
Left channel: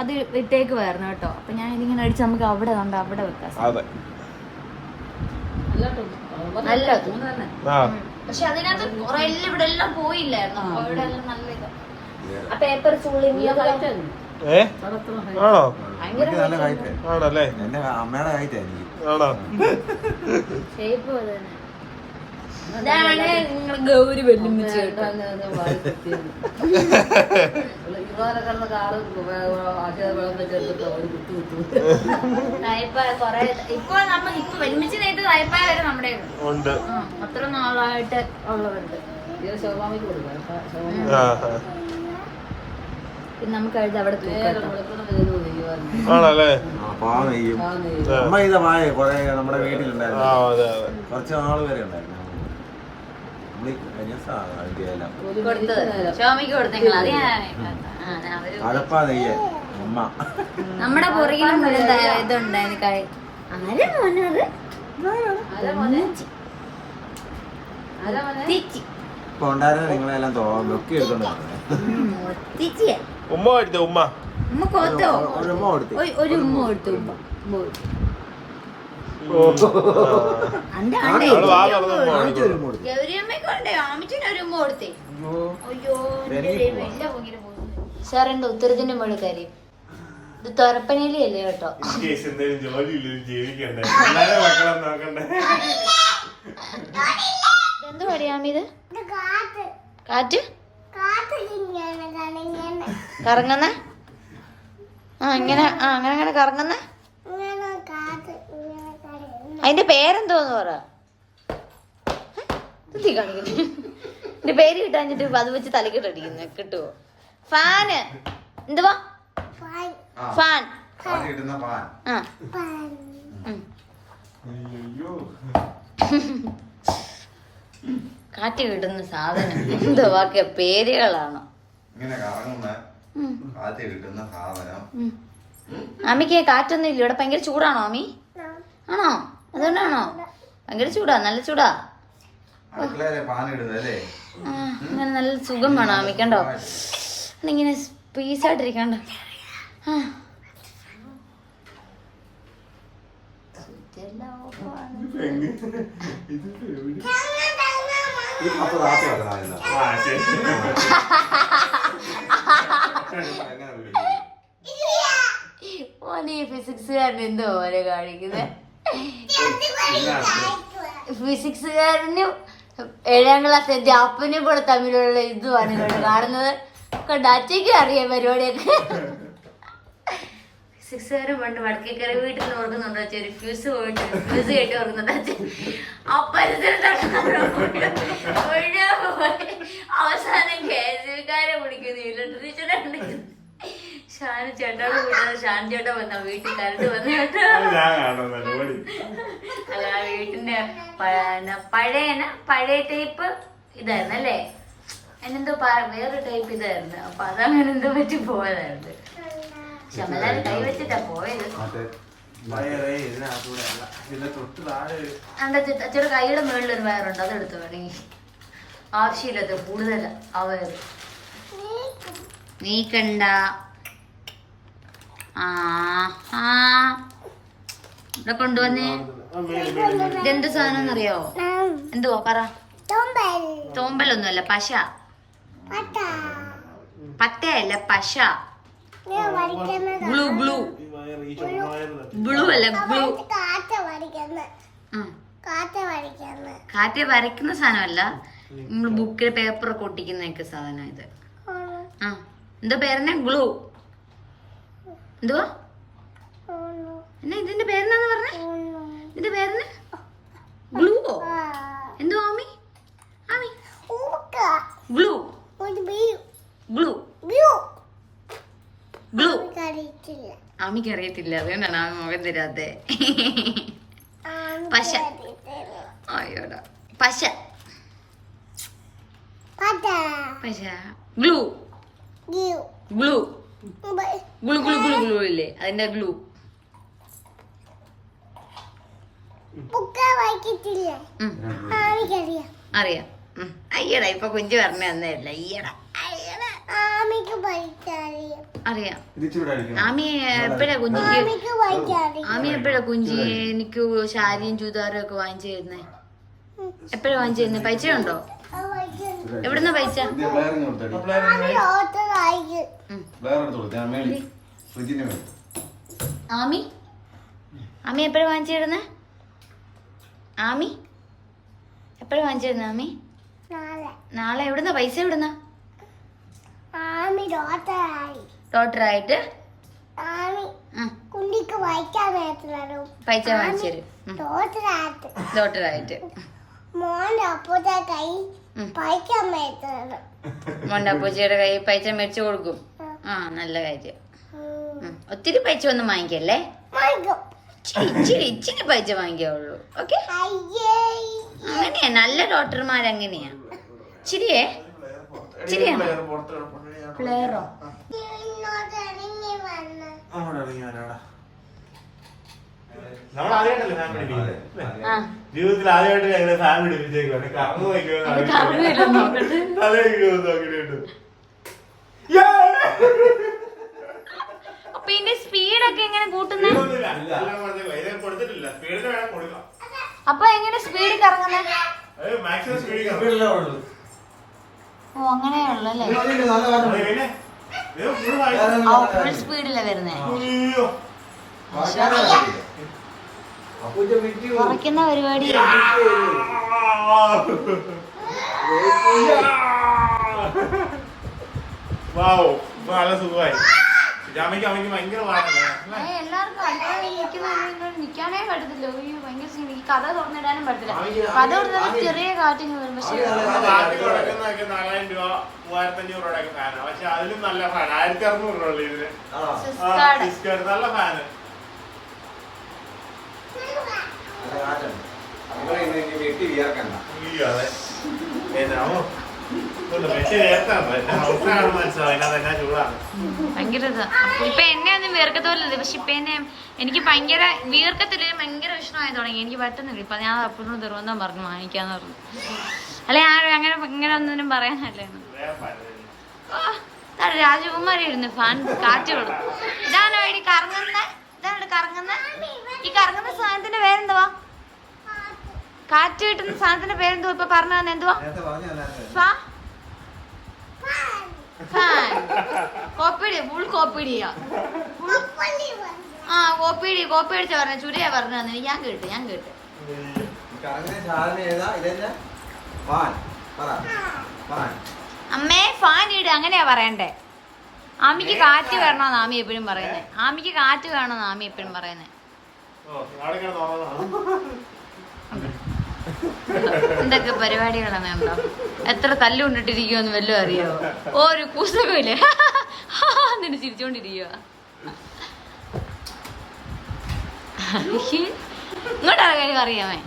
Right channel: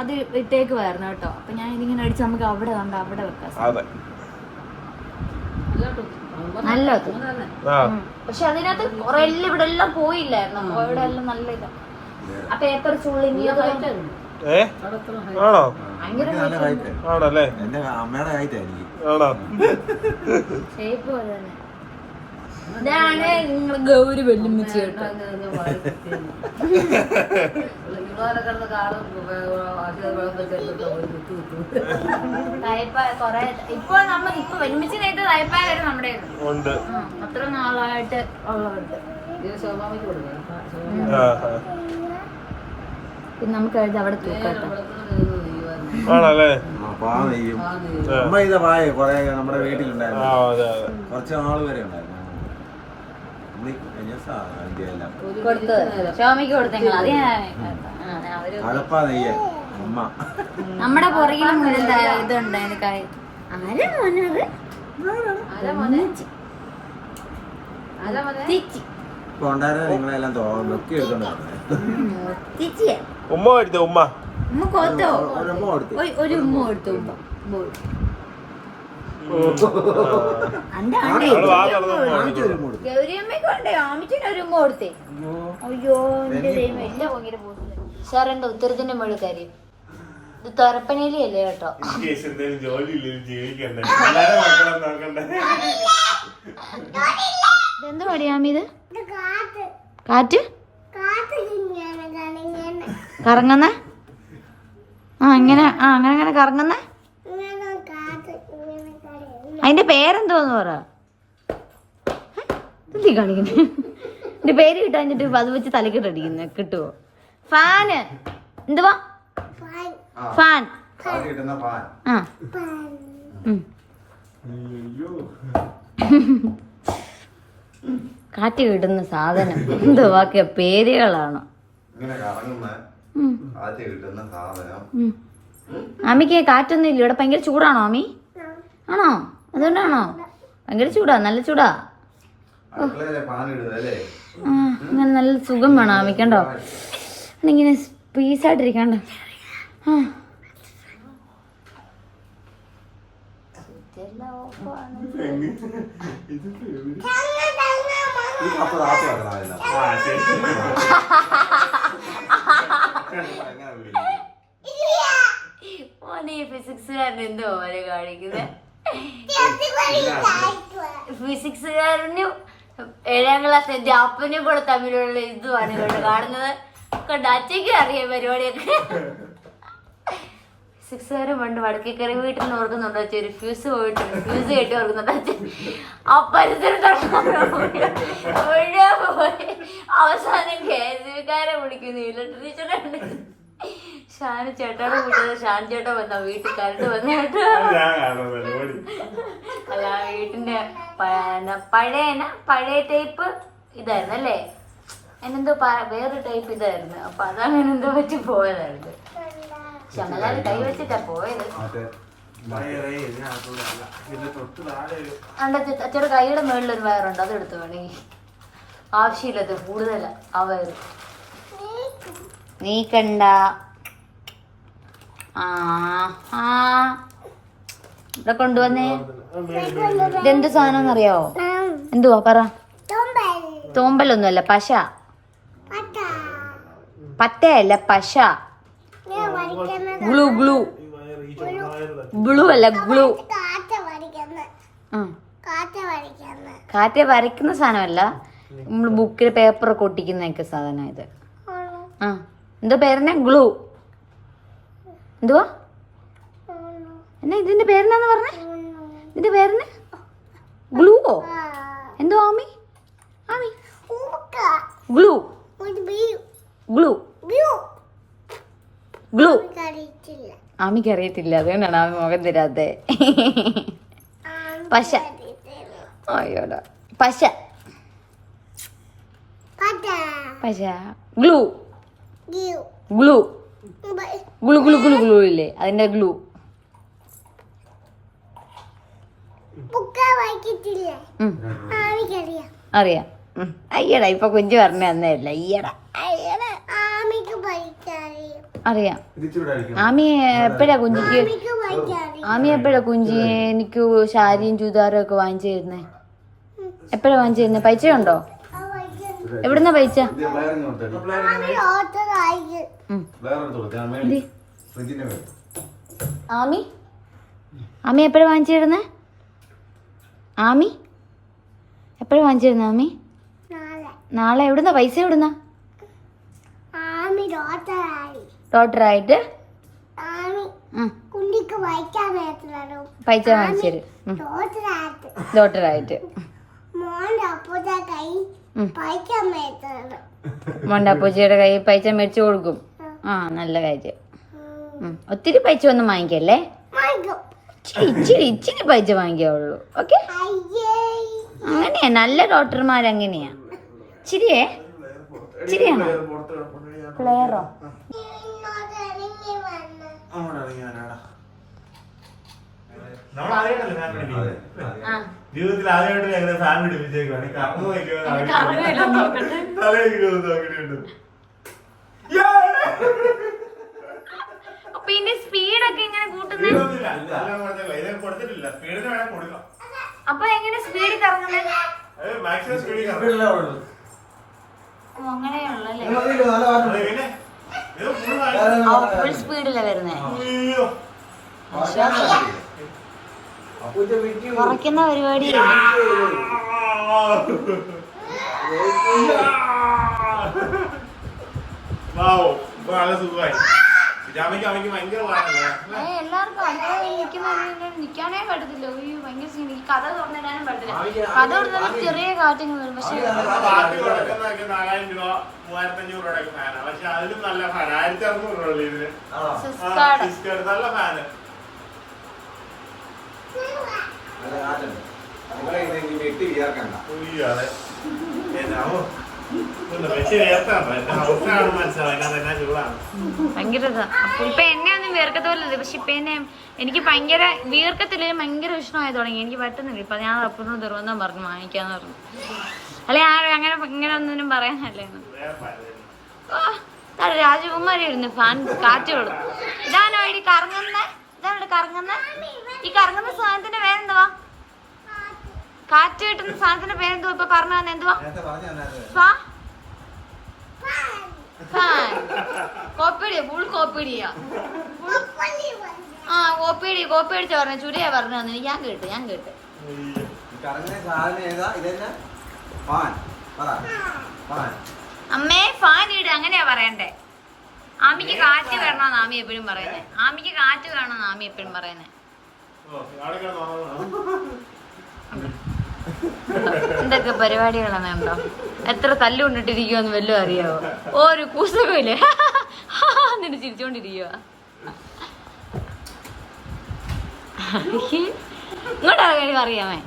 അത് ഇട്ടേക്കുവായിരുന്നു കേട്ടോ. അപ്പൊ ഞാൻ ഇതിങ്ങനെ അടിച്ച് നമുക്ക് അവിടെ കണ്ട അവിടെ വെക്കാം. നല്ലത്. പക്ഷെ അതിനകത്ത് കുറെ എല്ലാം ഇവിടെ എല്ലാം പോയില്ലായിരുന്നു. ഇവിടെ എല്ലാം നല്ല ഇതാ. ആ പേപ്പർ ഫുള്ള് ആണോ? ആണല്ലേ? എന്റെ അമ്മയുടെ കായിട്ടായിരിക്കും. ആണോ? ഷേപ്പ് തന്നെ. ഇതാണ് നിങ്ങൾ ഗൗരി വെല്ലുമിച്ച് കേട്ടോ. ഇപ്പൊ വെല്ലുമിച്ചിനായിട്ട് തായ്പായ വരെ നമ്മുടെ ഉണ്ട്. അത്ര നാളായിട്ട് ഉള്ളവരുണ്ട്. പിന്നെ നമുക്ക് അവിടെ തൂക്കാട്ടോ. ആണല്ലേ? അമ്മ ഇതാ പായ കൊറേ നമ്മുടെ വീട്ടിലുണ്ടായിരുന്നു. കുറച്ച് നാള് വരെ ഉണ്ടായിരുന്നു. നമ്മുടെ പുറകിലും ഇതുണ്ടായിരുന്നു കായ്. ആരാ മോനത്? നിങ്ങളെല്ലാം നോക്കി എടുത്തോണ്ട് ഉമ്മ എടുത്തോ? ഉമ്മ ഉമ്മ കോത്തോ? ഒരു ഉമ്മ കൊടുത്തു. ഉമ്മ ഗൗരിയമ്മക്കൊണ്ടേ ആമിച്ചിനൊരു ഉമ്മ കൊടുത്തേ. അയ്യോ സാർ എന്റെ ഉത്തരത്തിന്റെ മുകളിൽ കാര്യം ഇത് തുറപ്പനയിലല്ലേ കേട്ടോ. എന്ത് പറയാമിത്? കാറ്റ് കറങ്ങുന്ന അങ്ങനെ അങ്ങനെ കറങ്ങുന്ന അതിന്റെ പേരെന്തോന്ന് പറ. കാണിക്കണേ എന്റെ പേര് കിട്ടാഞ്ഞിട്ട് അത് വെച്ച് തലക്കിട്ടടിക്കുന്ന കിട്ടുവോ? ഫാന് എന്തുവാ? ഫാൻ. കാറ്റ് കിട്ടുന്ന സാധനം എന്തുവാ പേരുകളാണ്. അമ്മിക്ക് കാറ്റൊന്നും ഇല്ല ഇവിടെ. ഭയങ്കര ചൂടാണോ അമ്മി? ആണോ? അതുകൊണ്ടാണോ? ഭയങ്കര ചൂടാ. നല്ല ചൂടാ. അങ്ങനെ നല്ല സുഖം വേണോ അമ്മിക്കണ്ടോ? ഇങ്ങനെ പീസായിട്ടിരിക്കണ്ടോ? ഫിസിക്സുകാരൻ എന്തോ പോലെ കാണിക്കുന്നത്. ഫിസിക്സുകാരനും 7ാം ക്ലാസ് എന്റെ അപ്പനും കൂടെ തമ്മിലുള്ള ഇതുമാണ് ഇവിടെ കാണുന്നത്. കൊണ്ടാച്ചയ്ക്കും അറിയാം പരിപാടിയൊക്കെ. 6 പണ്ട് വടക്കേ കയറി വീട്ടിൽ ഓർക്കുന്നുണ്ടോ അച്ഛൻ? ഒരു ഫ്യൂസ് പോയിട്ട് ഫ്യൂസ് കേട്ടി ഓർക്കുന്നുണ്ടോ അച്ഛൻ? ആ പരിസരത്ത് പോയി അവസാനം കേസുകാരെ വിളിക്കുന്നു. ഇലക്ട്രീഷ്യനെ ഷാനു ചേട്ടോടെ വിട്ടത്. ഷാൻ ചേട്ടൻ വന്ന വീട്ടിൽ കരണ്ട് വന്നു കേട്ടോ. അല്ല വീട്ടിന്റെ പഴയ ടൈപ്പ് ഇതായിരുന്നു അല്ലേ? അതിനെന്തോ വേറെ ടൈപ്പ് ഇതായിരുന്നു. അപ്പൊ അതങ്ങനെ എന്തോ പറ്റി പോയതായിരുന്നു. ശമലാല് കൈ വെച്ചിട്ടാ പോയത്. അച്ഛയുടെ കൈയുടെ മുകളിൽ ഒരു വയറുണ്ട്, അതെടുത്തു വേണേ. ആവശ്യമില്ലാത്ത കൂടുതലാ ആ വയറ്. നീക്കണ്ട. ഇവിടെ കൊണ്ടുവന്നേ. ഇതെന്ത് സാധനം അറിയാവോ? എന്തുവാ പറ. തോമ്പലൊന്നുമല്ല, പശ. പത്തയല്ല, പശ. ഗ്ലൂ ഗ്ലൂ ബ്ലൂ അല്ല, ഗ്ലൂ. കാറ്റ വരയ്ക്കുന്ന സാധനമല്ല, നമ്മള് ബുക്കിൽ പേപ്പറൊക്കെ ഒട്ടിക്കുന്നൊക്കെ സാധനം ഇത്. എന്താ പേരെന്നാ? ഗ്ലൂ. എന്തുവാ എന്നാ ഇതിന്റെ പേരെന്നാന്ന് പറഞ്ഞേ? ഇതിന്റെ പേരെന്ന് ഗ്ലൂവോ? എന്തോ Ami? Ami glue glue glue. ആമിക്ക് അറിയത്തില്ല, അതുകൊണ്ടാണ് ആമി മുഖം തരാത്തെ. പശ. അയ്യോടാ, പശ പശ. Glue glue glue glue glue glue ഇല്ലേ, അതിന്റെ ഗ്ലൂ. അറിയാം. അയ്യടാ, ഇപ്പൊ കുഞ്ചു പറഞ്ഞു തന്നെയല്ല. അയ്യടാ അറിയാം. ആമി എപ്പോഴാ കുഞ്ചി എനിക്ക് സാരിയും ചുരിദാറും ഒക്കെ വാങ്ങിച്ചു തരുന്നേ? എപ്പോഴാ വാങ്ങിച്ചു തരുന്നേ? പൈസ ഉണ്ടോ? എവിടുന്നാ പൈസ? ആമി ആമി എപ്പോഴാ വാങ്ങിച്ചു തരുന്നേ? ആമി എപ്പോഴാ വാങ്ങിച്ചു തരുന്നേ? ആമി നാളെ. എവിടുന്നാ പൈസ? എവിടുന്നാ? ഡോക്ടറായിട്ട് പൈസ വാങ്ങിച്ചു തരും. ഡോക്ടറായിട്ട് മോന്റെ അപ്പൂച്ചിയുടെ കൈ പൈസ മേടിച്ചു കൊടുക്കും. ആ, നല്ല കാര്യം. ഒത്തിരി പൈസ ഒന്നും വാങ്ങിക്കല്ലേ, ഇച്ചിരി പൈസ വാങ്ങിക്കാവുള്ളൂ. ഓക്കെ, അങ്ങനെയാ നല്ല ഡോക്ടർമാരങ്ങനെയാ. ഇച്ചിരിയാണോ? പ്ലെയറോ? ജീവിതത്തിൽ ആദ്യമായിട്ട് ഞങ്ങളെ ഫാൻ പിടിപ്പിച്ചേക്കാണ്. കറന്നു പിന്നെ സ്പീഡൊക്കെ എങ്ങനെ കൂട്ടുന്നത്? സ്പീഡിന് വേണം കൊടുക്കാം. അപ്പൊ എങ്ങനെ സ്പീഡിൽ കറങ്ങുന്നത്? മാക്സിമം സ്പീഡിൽ ഓ, അങ്ങനെയുള്ളല്ലേ? ഫുൾ സ്പീഡിലാ വരുന്നേ. കുറയ്ക്കുന്ന പരിപാടി. എല്ലാവർക്കും നിക്കാനേ പറ്റത്തില്ല. ഭയങ്കര കഥ തുറന്നിടാനും പറ്റത്തില്ല. കഥ തുറന്നാൽ ചെറിയ കാറ്റിങ് വരും. പക്ഷെ 4000 രൂപ 3500 രൂപയൊക്കെ ഫാനാണ്. പക്ഷെ അതിലും നല്ല ഫാൻ 1600 രൂപ ഇതിന്. നല്ല ഫാന്. ഭയങ്കര ഇപ്പൊ എന്നെ ഒന്നും വീർക്കത്തോലത്. പക്ഷെ ഇപ്പൊ എനിക്ക് ഭയങ്കര വീർക്കത്തില്ല, ഭയങ്കര വിഷമമായി തുടങ്ങി. എനിക്ക് പറ്റുന്നില്ല. ഇപ്പൊ ഞാൻ അപ്പനോട് തിരുവനന്തപുരം പറഞ്ഞു വാങ്ങിക്കാന്ന് പറഞ്ഞു. അല്ലെ അങ്ങനെ ഇങ്ങനെ ഒന്നിനും പറയാനല്ലേ. രാജകുമാരി ഇരുന്ന് ഫാൻ കാറ്റ് കൊടുക്കും. ഇതാണോ ഈ കറങ്ങുന്ന? ഇതാണ് കറങ്ങുന്ന. ഈ കറങ്ങുന്ന സാധനത്തിന്റെ പേരെന്തുവാ? കാറ്റ് കിട്ടുന്ന സാധനത്തിന്റെ പേരെന്തുവാ? ഇപ്പൊ പറഞ്ഞു തന്നെ എന്തുവാ? കോപ്പിടി. ഫുൾ കോപ്പിടിയാ. ആ, കോപ്പിടി അടിച്ച് പറഞ്ഞ ചുരിയാ പറഞ്ഞു തന്നെ. ഞാൻ കേട്ട് അമ്മേ ഫാൻ ഇട് അങ്ങനെയാ പറയണ്ടേ. ആമിക്ക് കാറ്റ് വേണമെന്ന് ആമി എപ്പോഴും പറയുന്നത്. ആമിക്ക് കാറ്റ് വേണമെന്ന് ആമി എപ്പോഴും പറയുന്നത്. എന്തൊക്കെ പരിപാടികളാണോ? എത്ര തല്ലുകൊണ്ടിട്ടിരിക്കുവെന്ന് വല്ലതും അറിയാവോ? ഒരു കൂസകമില്ലേ? നിന്നെ ചിരിച്ചോണ്ടിരിക്കുക. ഇങ്ങോട്ടാ അറിയാമേ.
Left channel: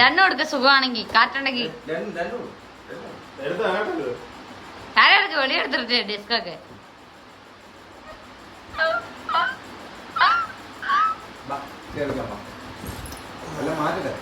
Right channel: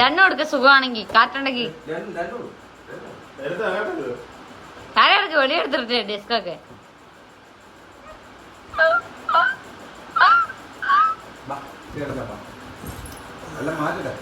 രണ്ടും കൊടുക്ക സുഖമാണെങ്കി കാറ്റുണ്ടെങ്കി. താഴെ വെളിയെടുത്തിട്ട് ഡെസ്കൊക്കെ. എല്ലാം മാറ്റട്ടെ.